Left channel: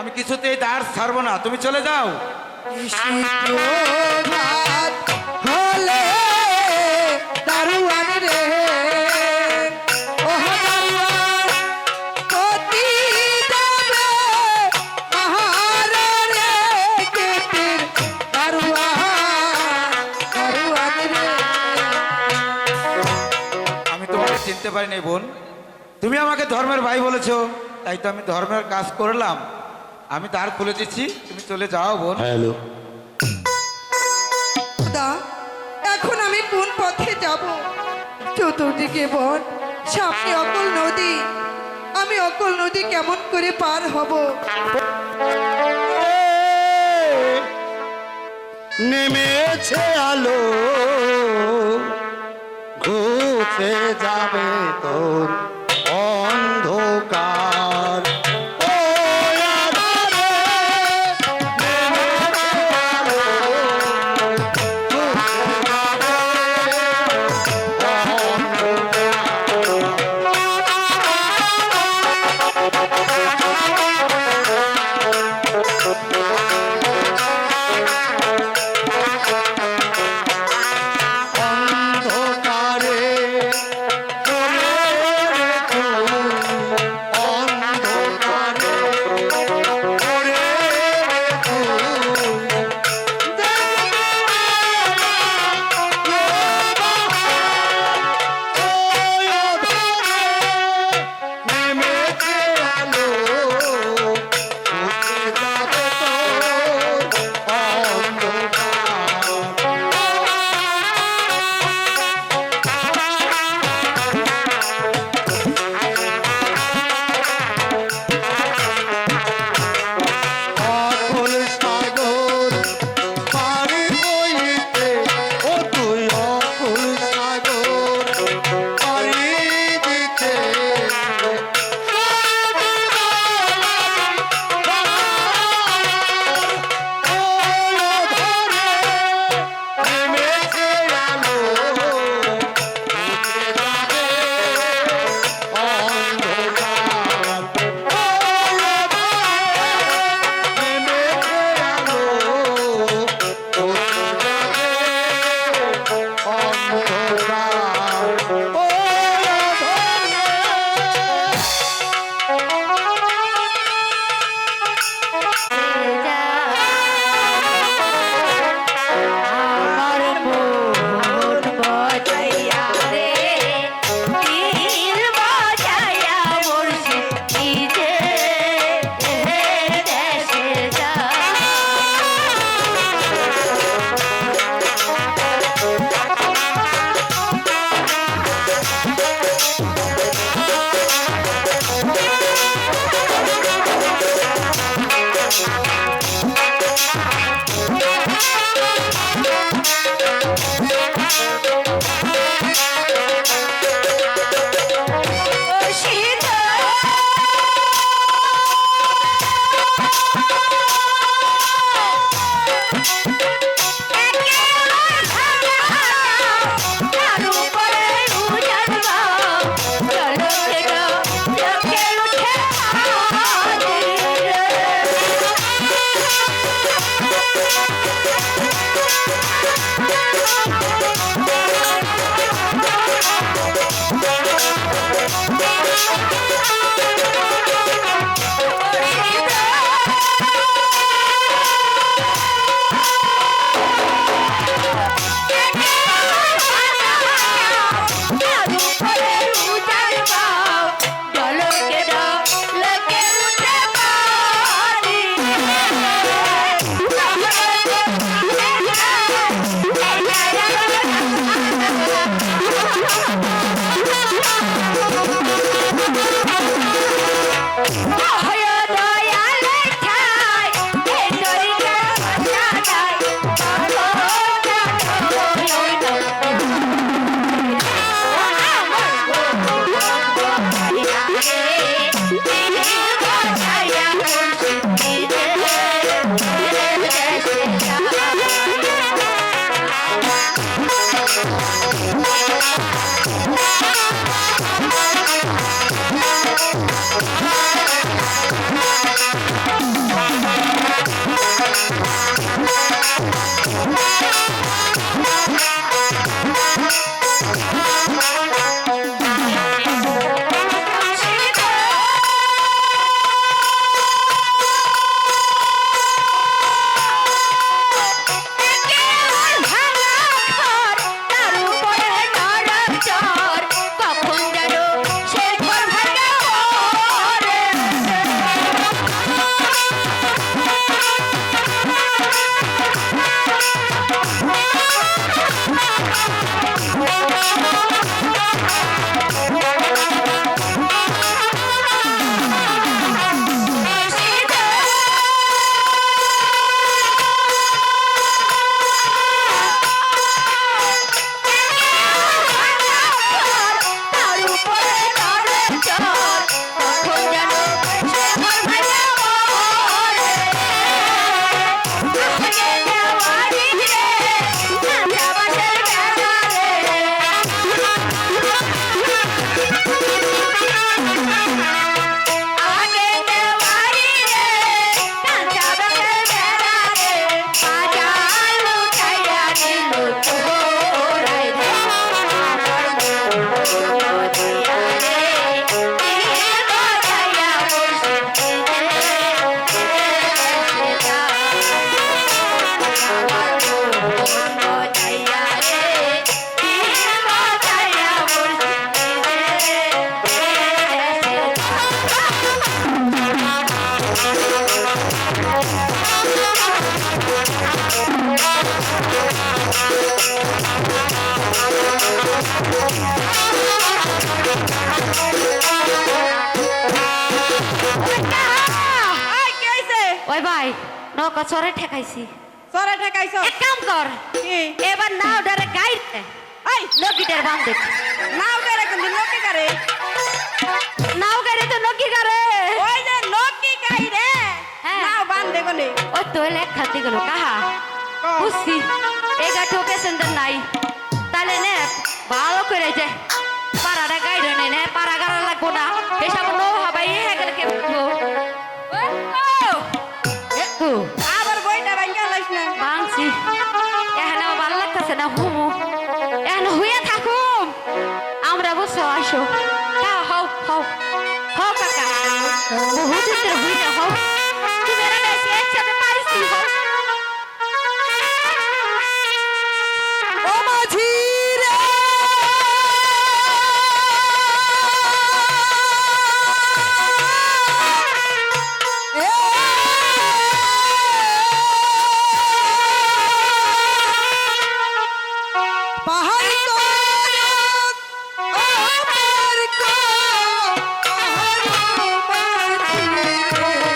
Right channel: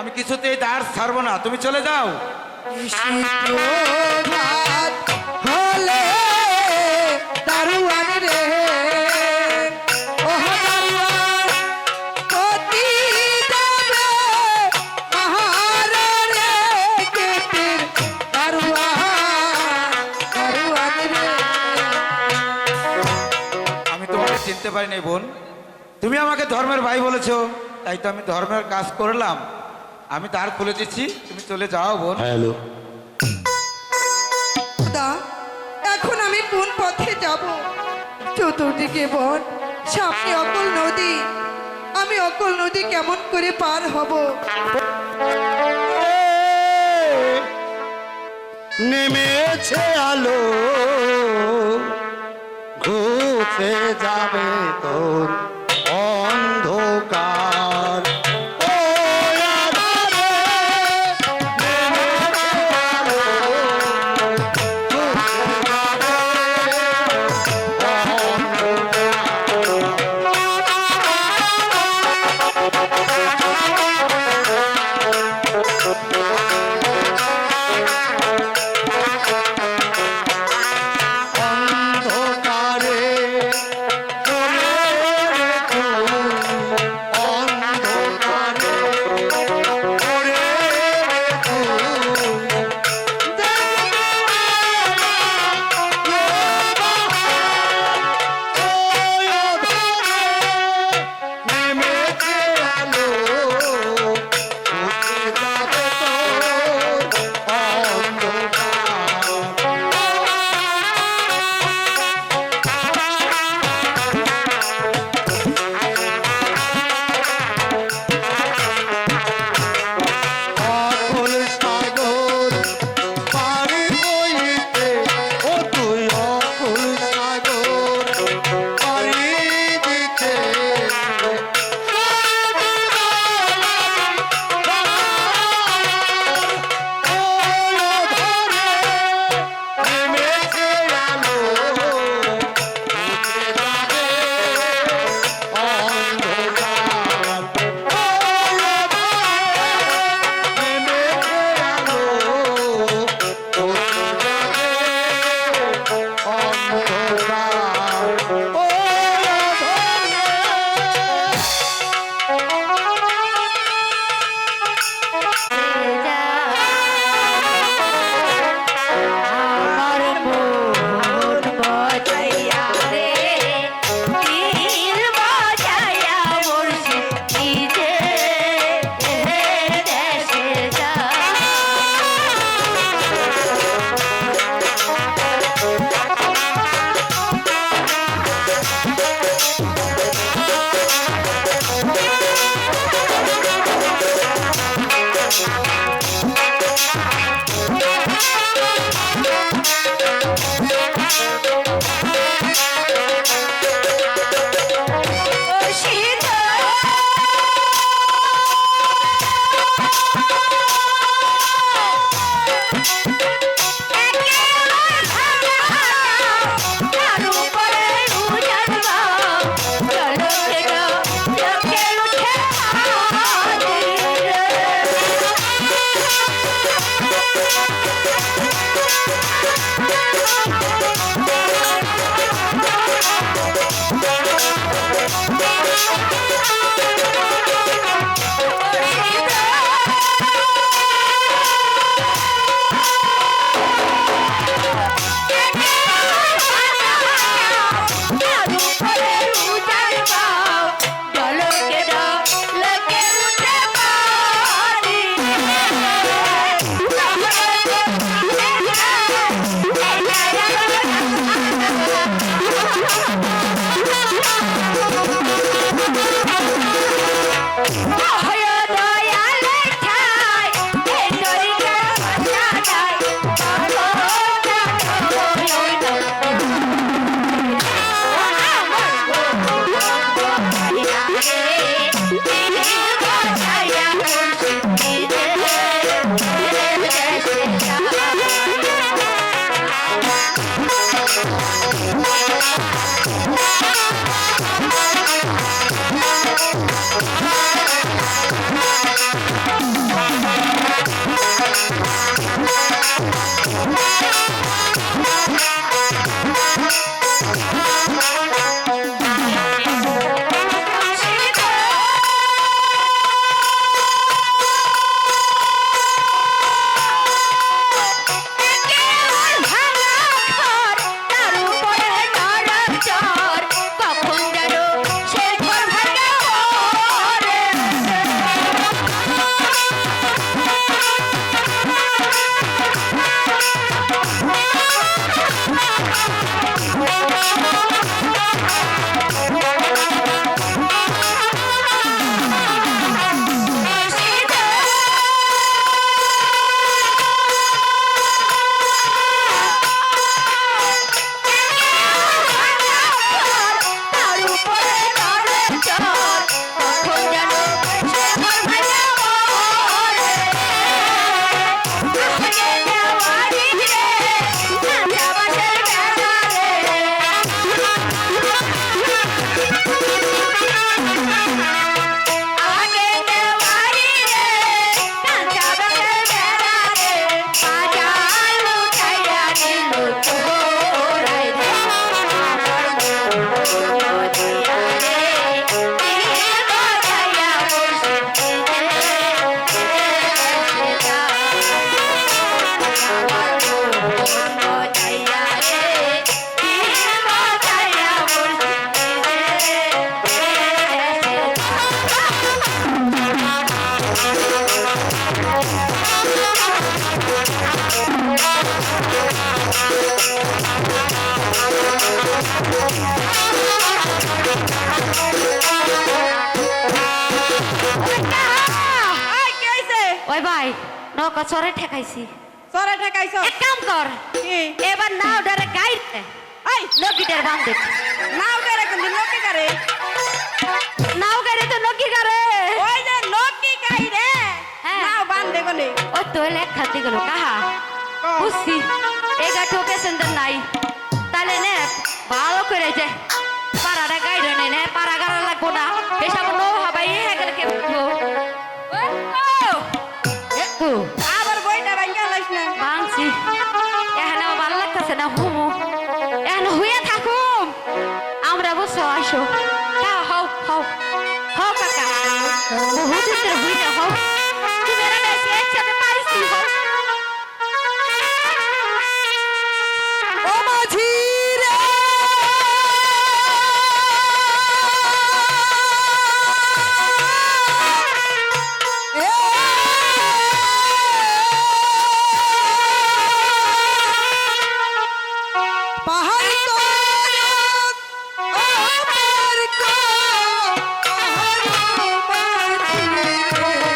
আমি কিছুতেই দ্বার ছাড়বো না, তুমি চলে যাও। প্রভাত হলে দারুয়ান রে, ওহ দারুয়ান পতি দেবে মহারে রে, কেতির দারুয়ান দারুয়ান রে। আমি তোমাকে চিনতে পারিনি বোন, তুমি আমাকে ধর্মের ভাই বলেছো, তাই তো আমি ধর্মের কাজ করলাম। আমি দ্বার খুলে দিচ্ছি, তুমি চলে যাও বোন। হ্যালো, দা, এখন আমি কোন পথে যাব? চতুর্দিকে বন, সামনে অকল নদী। আমি অকল নদী কেমন করে পার হব? নেমেছে আলো, ঘুচে যাবে তোর অন্ধকার। ও আধারে নেমেছে আলো, ঘুচে যাবে অন্ধকারে চলে রে তুই, অন্ধকারে চলে রে তুই। দেখবি না ওই আধারে নেমেছে আলো, ঘুচে যাবে তোর অন্ধকার। অকুল সাগর পারি হইতে, ও তুই অকুল সাগর পারি দিতে। ওই আধারে নেমেছে আলো, ঘুচে যাবে অন্ধকার। ওই আধারে নেমেছে আলো, ঘুচে যাবে অন্ধকার। ওই আধারে আমার মন বাজাইয়া রে, দিল বাজাইয়া বলছে নিজে দেশে যা। এই কি হইছে? ওই ভাই নৌকা চরে ঠেকাইছি সরে ঠেকাইছ এক কাম কর কি এবার নাও ডারে গাইতে এই নকিটার বাম দেখ নাও করে কিন্তু নকি করে নাও গাড়ি তো নকি করে ওই যে নকি গাই রে হ্যাঁ। নাও বান্ধে কোনে ও তো লেখ খাতে গেল কাহা বুঝছি এই গাঠো প্যাসেঞ্জার নাই তাহলে নে ভালো করে যে পাড়াটা গাইড নেই নে পাড়া গাড়া লাগবো না এসব নো হবাই হয়ে গেল কে আবার বইটা ভাঙ্গা লাইছ না বাংছি এখানে ভালো লাগতেছে না হুমু এখানে হুয়ে থাকুম আমরা বসো আসো হও হও হও হও কাকা বহুত দিন হুইতে হও তুমি এরা বেশি একসাথে পাইছি হও ও মাঝি রে পাহাড় তো আমার কো পাহাড় মাঝি রে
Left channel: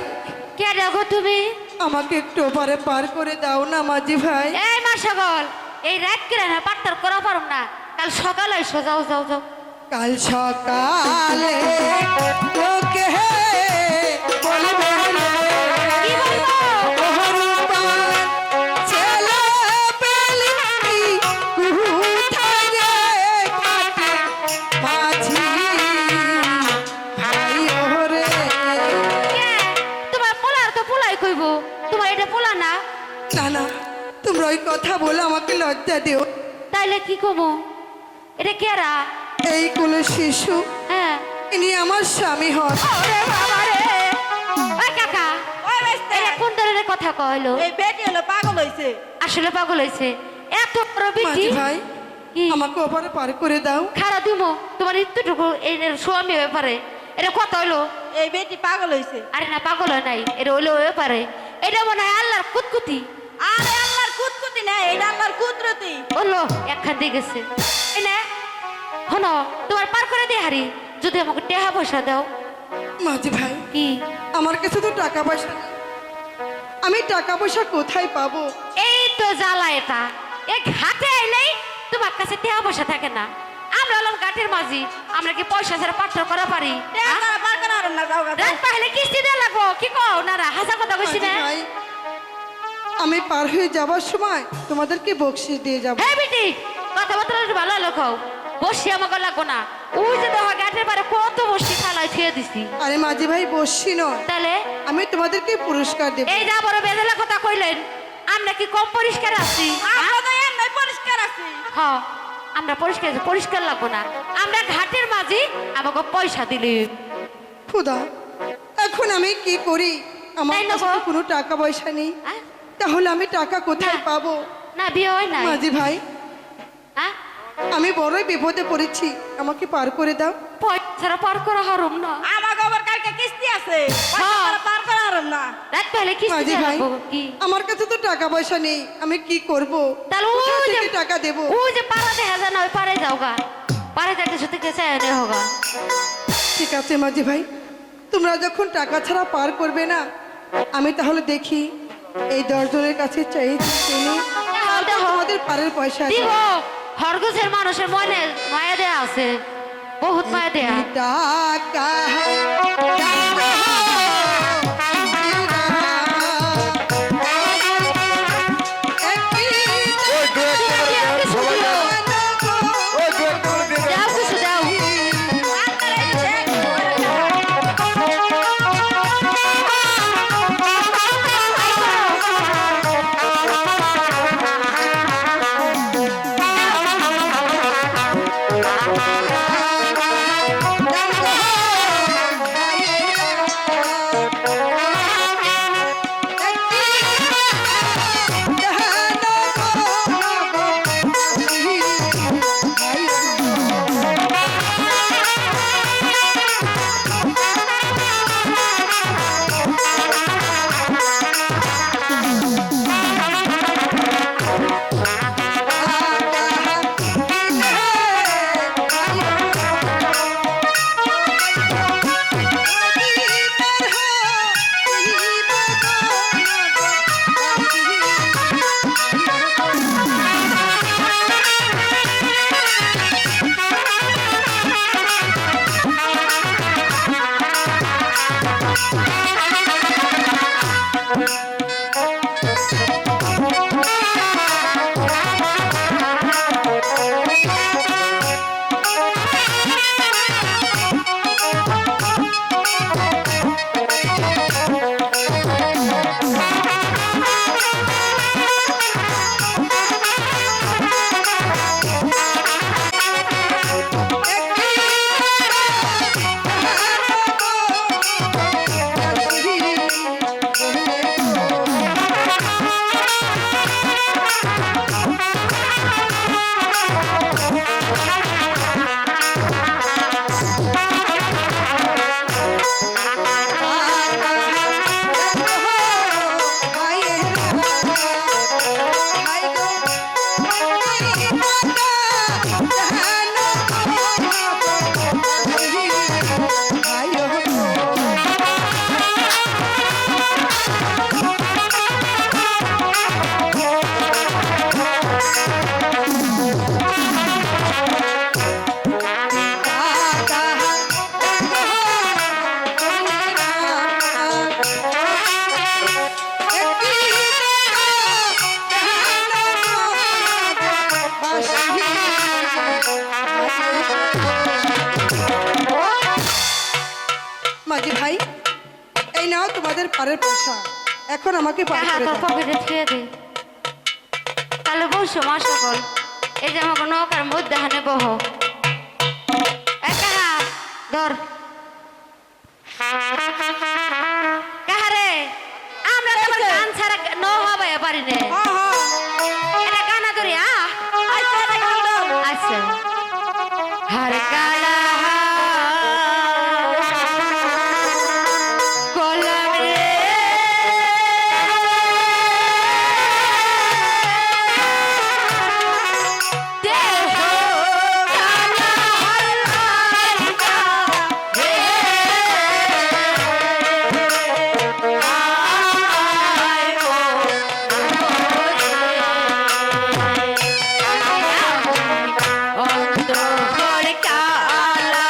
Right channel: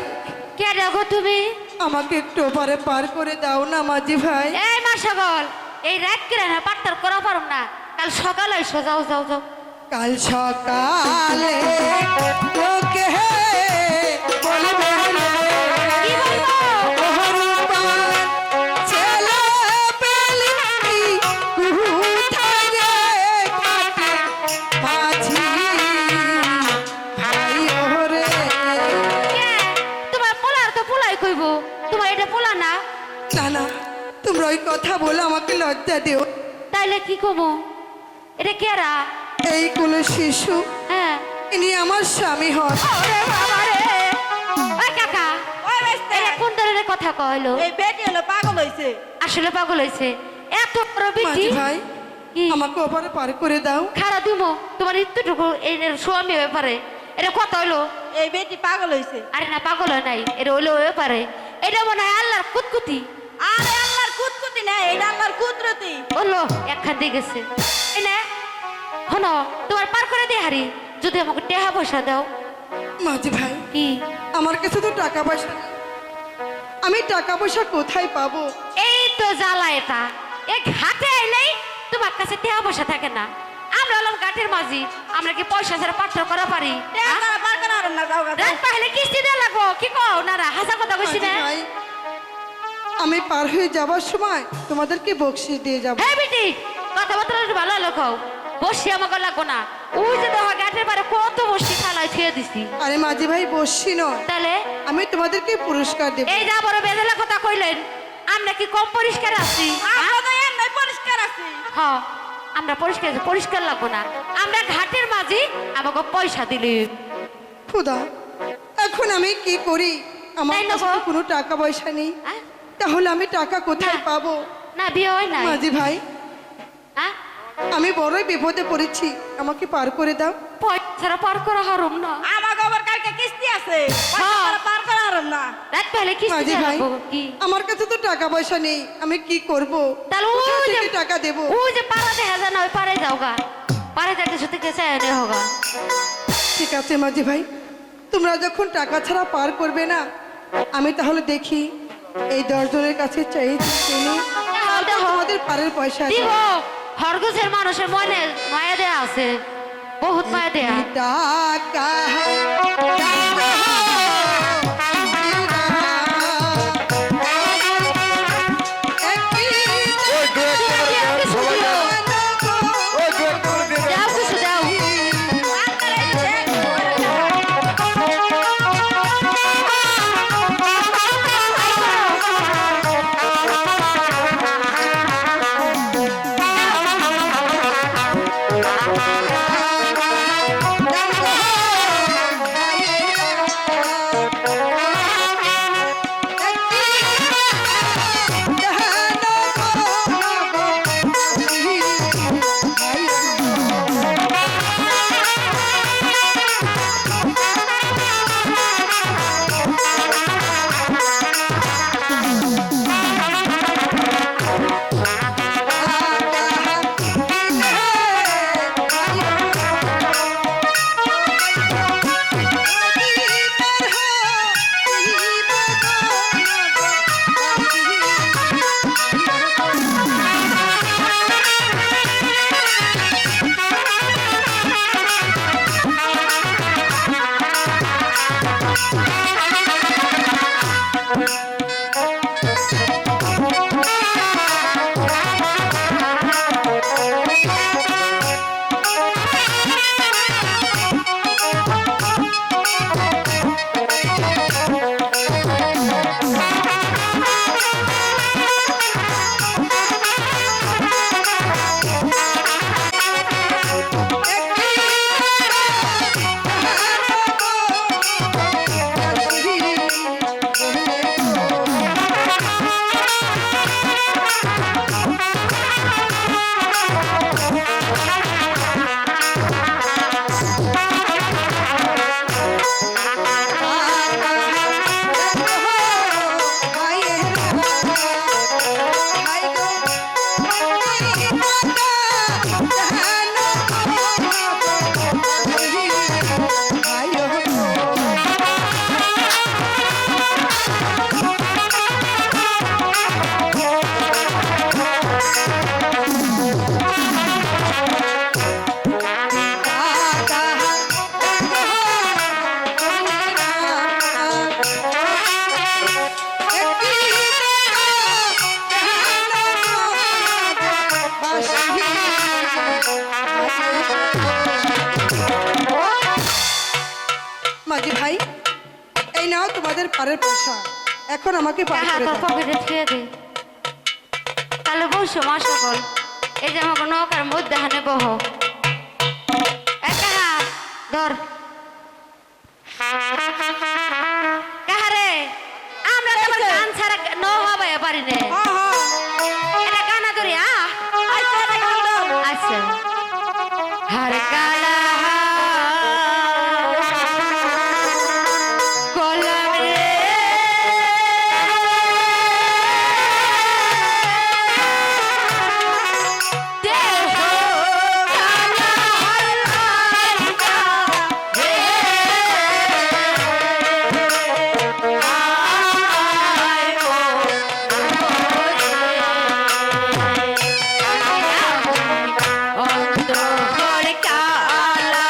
ভাই কে রাখো তুমি? আমাকে একটু ওপারে পার করে দাও না মাঝি ভাই। এই মা সকল, এই রাত কিরা না পাত্তার করা পারম না, কাল সকালে এসো, যাও যাও যাও। কাল সকালে লোকে বলবে কি বলবো? ওহরুপান ছেলে পেলে কোথায় রে কাটে মাঝি ভাই ওরে। কে? তোমার পোলার তো পোলাই কইব, তোমার এটা পোলা না? না না, তোমরা ওই কথা বলে আমাকে লজ্জা দিও। তাইলে কি কমো? এটা কেরা? এই কোন শিশু, হ্যাঁ। ইনি আমার স্বামী হন। ওরে বাবা রে! ওই কাকা, ওই বেস্তে এটা কোন ধরনের কথা কইলো? এই বেটি হলো পাগল হইছে। আসলে পাগল হইছে। এত বড় বিটি। মাঝি ভাই কি? আমাকে ওপারে পার করে দাও। খারা দিমো তোমার ইত্যুটুকু এই স্বামী ব্যাপারে এটা কত হইলো? এই বেটি পাগল হইছে। আরে না, পাগল হয় নাই, এটা হইলো ব্যাপারে। এটা মনে হয় আল্লাহর কুতকুতি। আরে আল্লাহর কুতকুতি না, এটা আল্লাহর কুদরতি। বললো একখান দিয়ে গেছে। এই না হনো, তোমার পার করে দিয়ে হারি, যদি আমাকে টেহা পয়সা দাও। মাঝি ভাই কি? আমার কাছে তো টাকা পয়সা নেই। আমি টাকা পয়সা কোথায় পাবো? এই তো জ্বালা এটা। এক হাতে আইলেই তোমার কাছে টেহা পয়সা থাকে না। আমরা হলাম ঘাটের মাঝি, আমরা কি পয়সা ছাড়া পাত্র করা পারি? টাকা তারা পার করা আর না, যাও গা, যাও। রাত পাহলে কিস্তি দেওয়া লাগবো। কি কও না? হাসা কথা কইছি মাঝি না? ভাই আমি পার হয়ে যাবার সময় তোমাদেরকে বকশিস দিয়ে যাব। হ্যাঁ বেটি, কথাবার্তা একটু ভালো লোক হও। বসি আমাকে লাগবো না। ওই যে দেখো ঘাটের পারে কত বসি খালায় ছুঁয়ে দিছি। আরে মাঝি ভাই বসছি নয়, তাহলে আমি তোমাদেরকে পুরস্কার দেব। এই যা বড় বেদলা কথা কইলেন, আমরা কি কম পরিষ্কার আছি? আমরা তো এমনি পরিষ্কার আছি। হ্যাঁ, আমরা পরিষ্কার আছি, পরিষ্কার লাগবো না। আমরা ঘাটের মাঝি, আমাকে পয়সা দিলি। খুদা, এখন আমি কি করি? আমার তাই না কাছে গো? তো কোনো টাকা পয়সা নেই। আহ? তাহলে আমি টাকা কোথায় না। পাবো? না, বিয়ে হয় নাই। মাঝি ভাই হ্যাঁ? আমি বড়ই বিপদে পড়েছি, আমাকে পার করে দাও। পয়সা ছাড়া পার করা হারুম না। আমার আবার কালকে কিস্তি আছে, পয়সা হ্যাঁ। তারা পার করা আর না। রাত পাহলে কিস্তি মাঝি দেওয়া ভাই লাগবো। কি? আমার কাছে তো টাকা পয়সা নেই, আমি কি করব? তাহলে কোথা ওই থেকে যে টাকা দেব? ওই যে পাড়া দেখা যায় না, ওই পাড়ে যাও গা। পাড়ে যাইতে শুতে গেছে এনে হোগা। ঠিক আছে মাঝি ভাই, তোমরা যখন টাকা ছাড়া পার করবে না, আমি তাহলে দেখি এই 10 জনের কাছে চাই তোমাদের পারের পয়সা আছে। দিব হরগোছের মানুষের মনে মায়া দেয়া আছে, বহুত মায়া দেয়া। টাকা ওই দু একটা করে দেন সবাই দেন। ওই দু একটা করে দিয়ে দেন। দাও কিছু দাও। আপনারা এই দেখ, টাকা পারের পয়সা এখন আমাকে পার কাহা করে তোর দাও। পকেটে থুয়ে দে তাহলে বসো মা সকল এই যে আমাকে নৌকার মধ্যে হানে বহ কাহা ধর কাহারে আমরা তো আবার গান ছাড়া নৌ হবে পারি না হ্যাঁ হ্যাঁ এটা গানা ধরি আচ্ছা এটা গান দাও। আচ্ছা হর কালা কলম রে দেহ কালা হল্লা রে আয় ও অন্তর কালা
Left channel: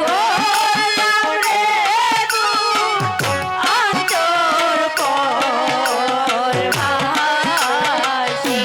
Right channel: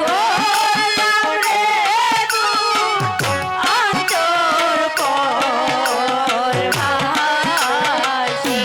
গোলাম রে অন্তর পর ভাসি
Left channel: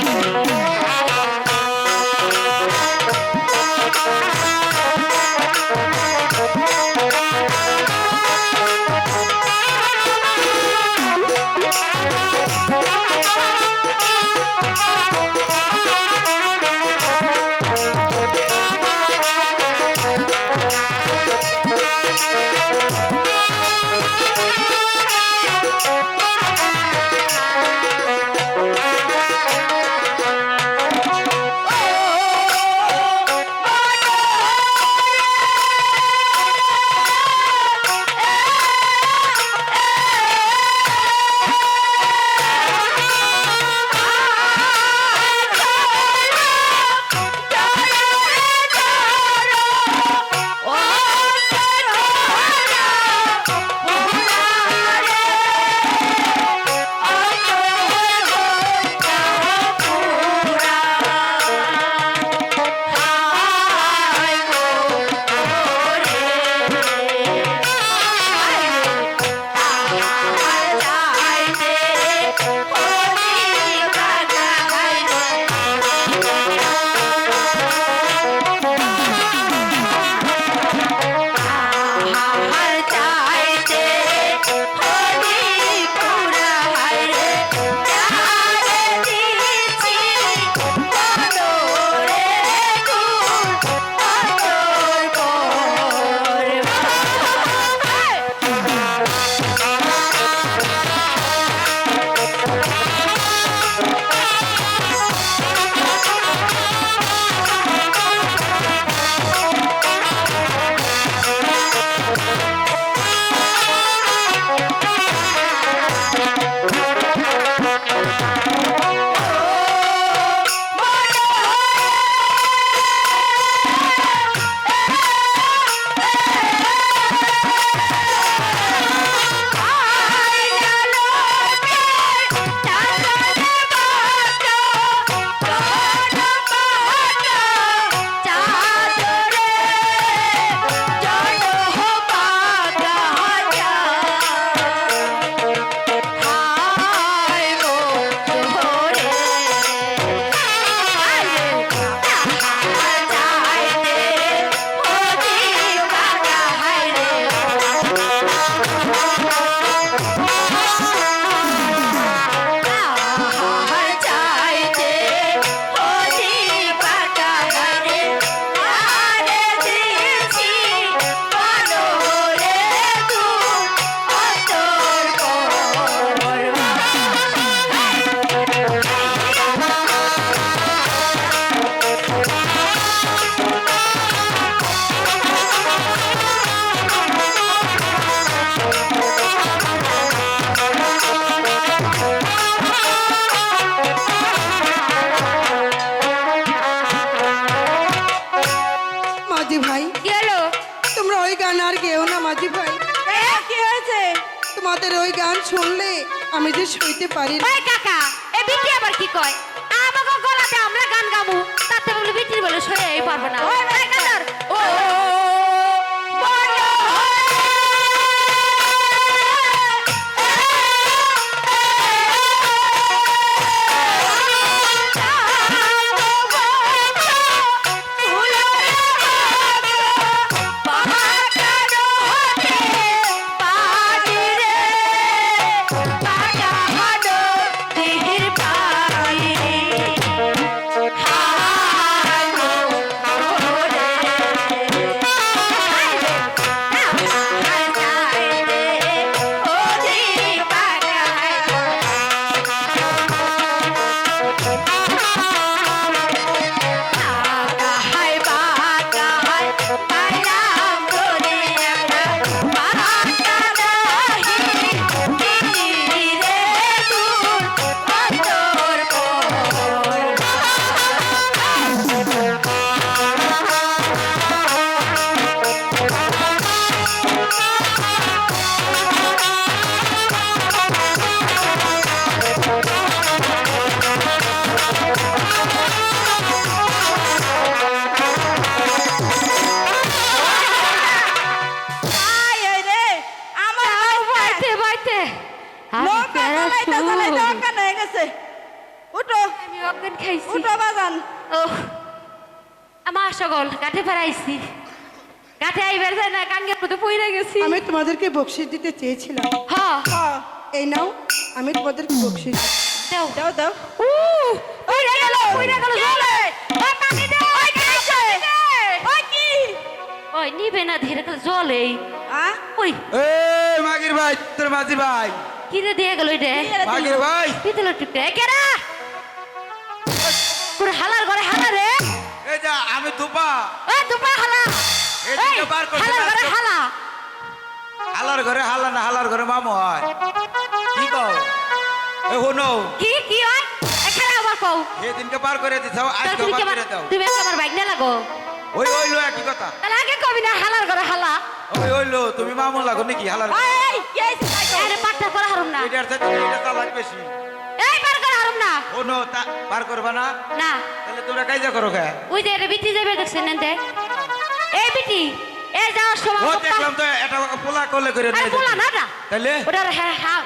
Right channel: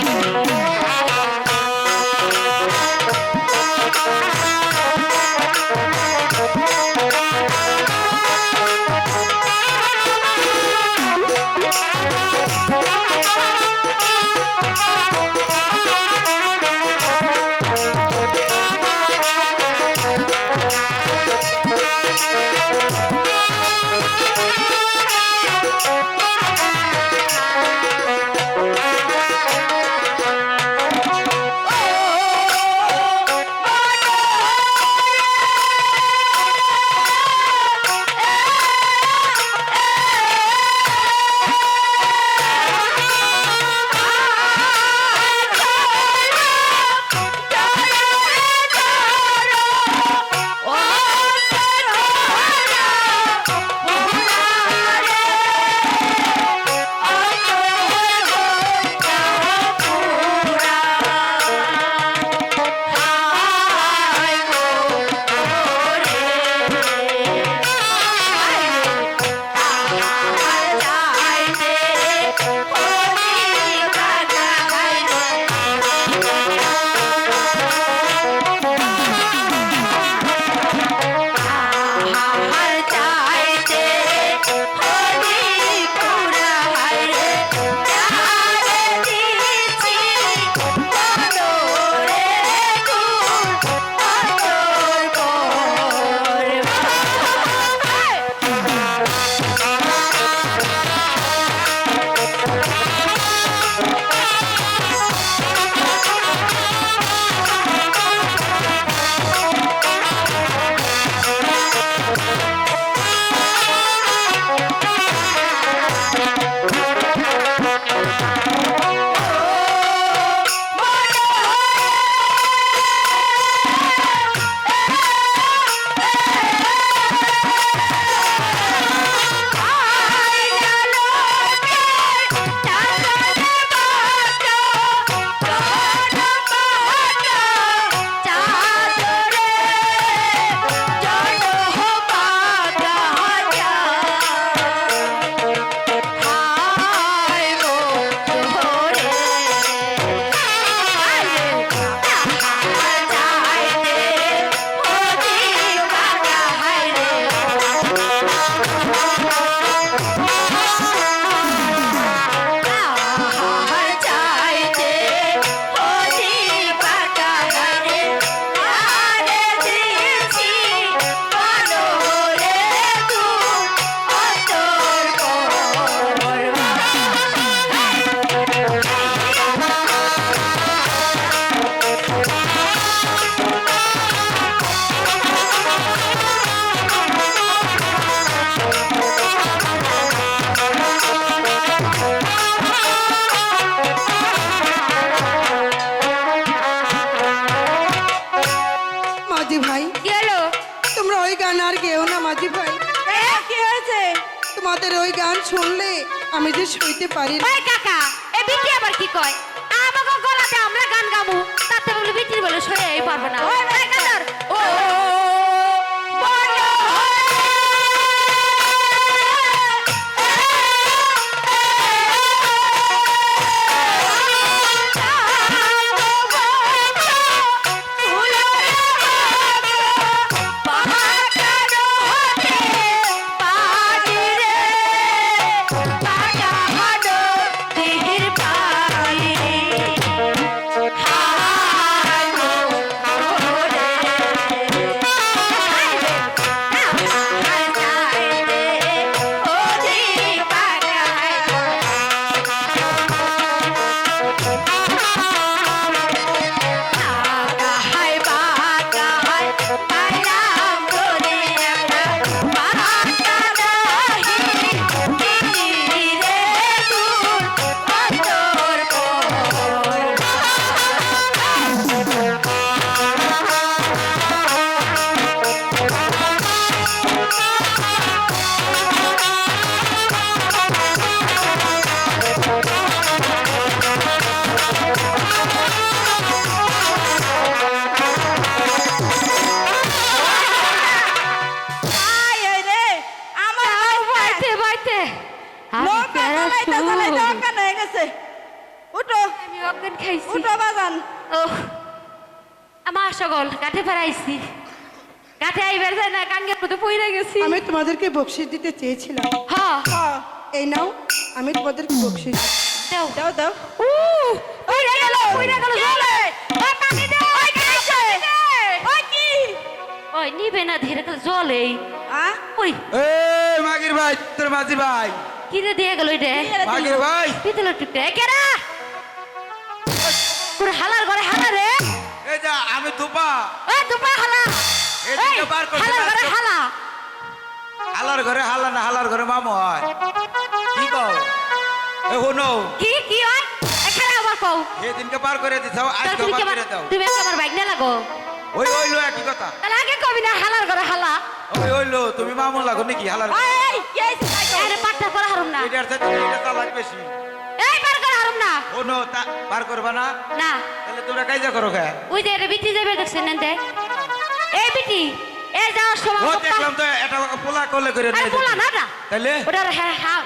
তোমাদের ওই গান শুনলে আমি যে শুইতে পারি না। ওই কাকা এ বিটি আবার কি কয় আমাকে গলাতে আমরা গান গামু তাতে বলে বিটির বলে সইয়াই পারবে না ওই কাকার ও নৌকা চালাইতে চালাইতে অজ্ঞান হয়ে গেছে। উঠো আমি অজ্ঞান খাইছি উঠো বাজান। ও আমার সকল কাঠে ফেরাইছি কাঠে আইবার যায় না কাঙ্গের মতো পইরা গেছি আমি তোমাদেরকে বকশিস দিতে চেয়েছিলাম। হ্যাঁ হ্যাঁ, এই নাও, আমি তোমাদেরকে বকশিস দিচ্ছি। দাও দাও দাও। পইরা গেল জলে ওই পানি দে ওই কি হইছে? ওই কি ওই নিবে না ধীরে করে জলে হ্যাঁ ওই এই মাগির ভাই, তোর মাঝি ভাই, কিরে দিয়ে গেল রে মাগির ভাই, পিতল টুকটে কেরা পুরো হালার ঘরে হালা রে এই যা আমি দুপা ওই দুপা হালা এই এই দিকে বার করছে হালার ঘরে না। হালা হালার ঘরে হালা না, হালার ঘরে মামু হয়। কি কও? এ হনো, কি কি হয় এখানে আবার কও এই দিনকে পার করে দিছাও, তাহলে আজকে তুমি পার কেমন করে দাও। তুমি আমার বাইক না লাগো ওই ওইলো একই কথা। তাহলে আগে কবি না হালার ঘরে হালা ওই ওইলো, তুমি মামু লাগো নাকি হালার? এই কি হইছে তাই কও। আরে পাটটা করা হারুম না এটার থেকে এটা চালাক বেশি। এই পার করা হারুম না হনো, পার করবা না? না তাহলে তোমরা কাইজা করো কে? ওই যে বিটি যাবে দেখছেন না এই বিটি এই যাওয়ার সময় ও দেখলাম তো এটা পোলা করলে করে আরে নিয়ে বলা যেতে। না না তাহলে ওটা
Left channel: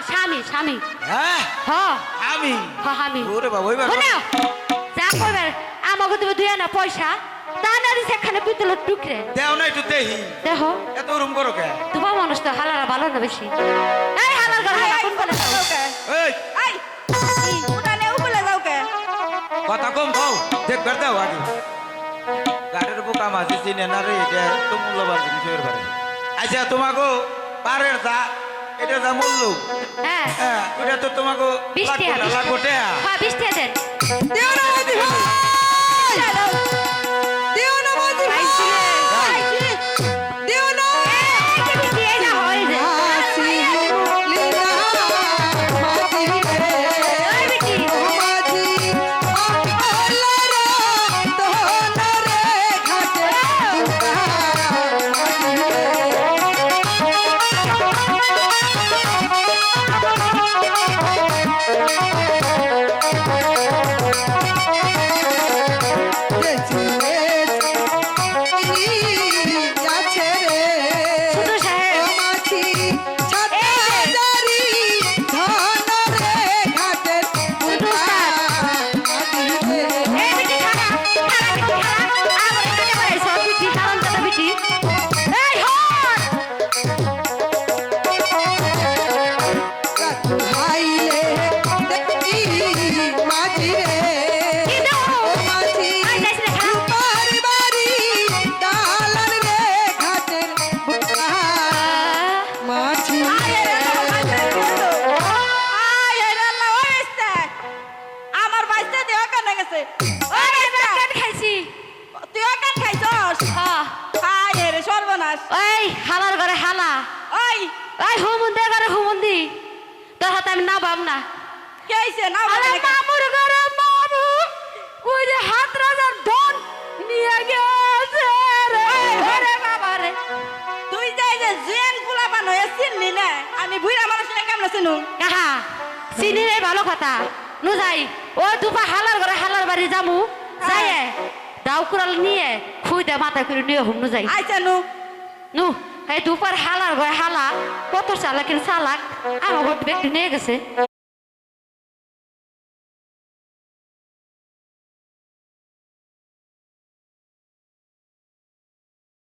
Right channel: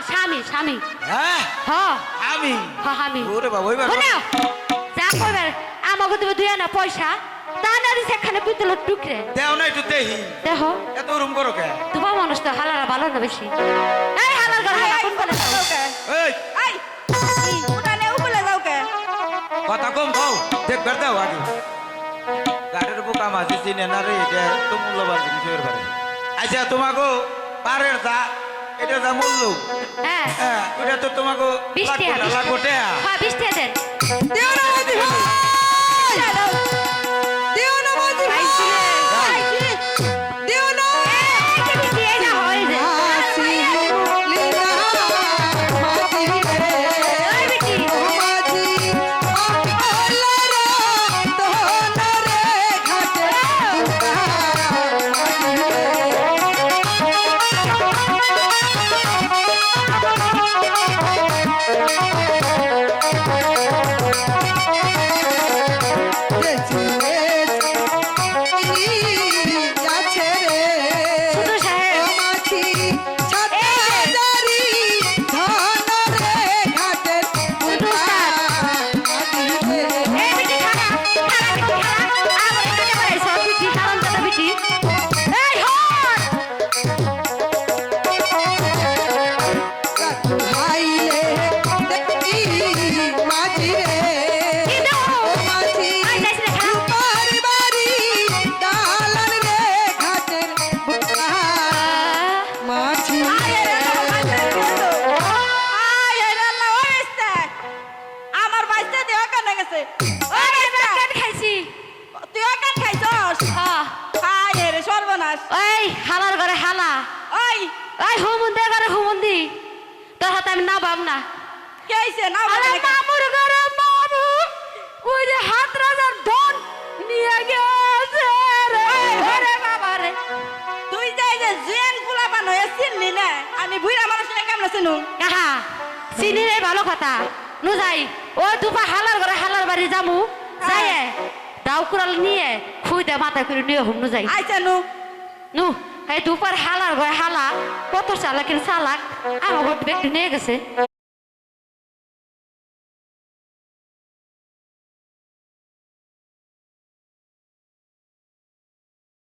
স্বামী স্বামী হ্যাঁ হ্যাঁ আমি হ্যাঁ আমি ওরে বাবা ওই বাবা শোনো যা করবে আমাকে তুমি দুই আনা পয়সা তা না দিছে এখানে পিতলের টুকরে দেও না একটু দেহি, দেখো এত রুম করো কে? তোমার মানুষ তো হালারা ভালো না বেশি এই হালার ঘর হালা কোন বলে দাও? যাও কে? এই এই উঠানে উপরে যাও কে? কথা কম কও, দেখবার দাও আগে। গাড়ির বোকা মাঝে চিনে না রে, এটা তো মূল্যবান জিনিস এর বারে। আচ্ছা তোমাকে পারের যা, এটা যা মূল্য, হ্যাঁ হ্যাঁ এটা তো তোমাকে 20 টাকা লাগবো টাকা। হ্যাঁ 20 টাকা দেন দেও না মাঝি ভাই, দেও না মাঝি ভাই, দেও না। এই যে বিটি এই না হয় যে হাসি লীলা মাঝি রে, এই বিটি ও মাঝি আপলারা দোনরে ঘাটে দুটা মাঝি রে, যেচুরে যাচ্ছে রে, শুধু সাহেব ও মাঝি ছাতাদারি ধনরে ঘাটের দুটা মাঝি রে। এই বিটি খানা খানা বিটি খানা আমার এখানে বাড়াইছো বিটি খান দাদা বিটি এই হট কাকু হাইলে দেখি মাঝি রে, কি দাও ও মাঝি আই যাইছ রে খানা রূপার বাড়ি দালান রে ঘাটের বুকা মাঝি আয় রে আল্লাহ হইছে। আমার বাইতে দিয়ে অজ্ঞান হয়ে গেছে। ওই আরে বাইতে, বাকেট খাইছি তুই অজ্ঞান খাইছস? হ্যাঁ আয় রে সর্বনাশ। ওই হালার ঘরে হালা ওই ওই হুমুন্দি ঘরে হুমুন্দি তোর হাতে আমি না পাম না কি হইছে? না আরে বলে নাকি? মামুর ঘরে মামু ওই যে হাত রাজার ধন নিয়ে গেছে রে ওরে বাবা রে তুই যাই যে জুয়ান পোলাপান হয়ে চিনলি না, আমি বুড়া মানুষটা কেমন চিনু? কাহা চিনি রে ভালো কথা নু যাই ও দুপা হালার ঘরে হালার বাড়ি যামু যাই দাও কুড়াল নিয়ে খুই দে মাথা করে নিয়ে হুম নু যাই আইসা নু নু এই দুপার হালার ঘরে হালা কত চালাকের চালাক আমার ঘর ব্যক্তি নিয়ে গেছে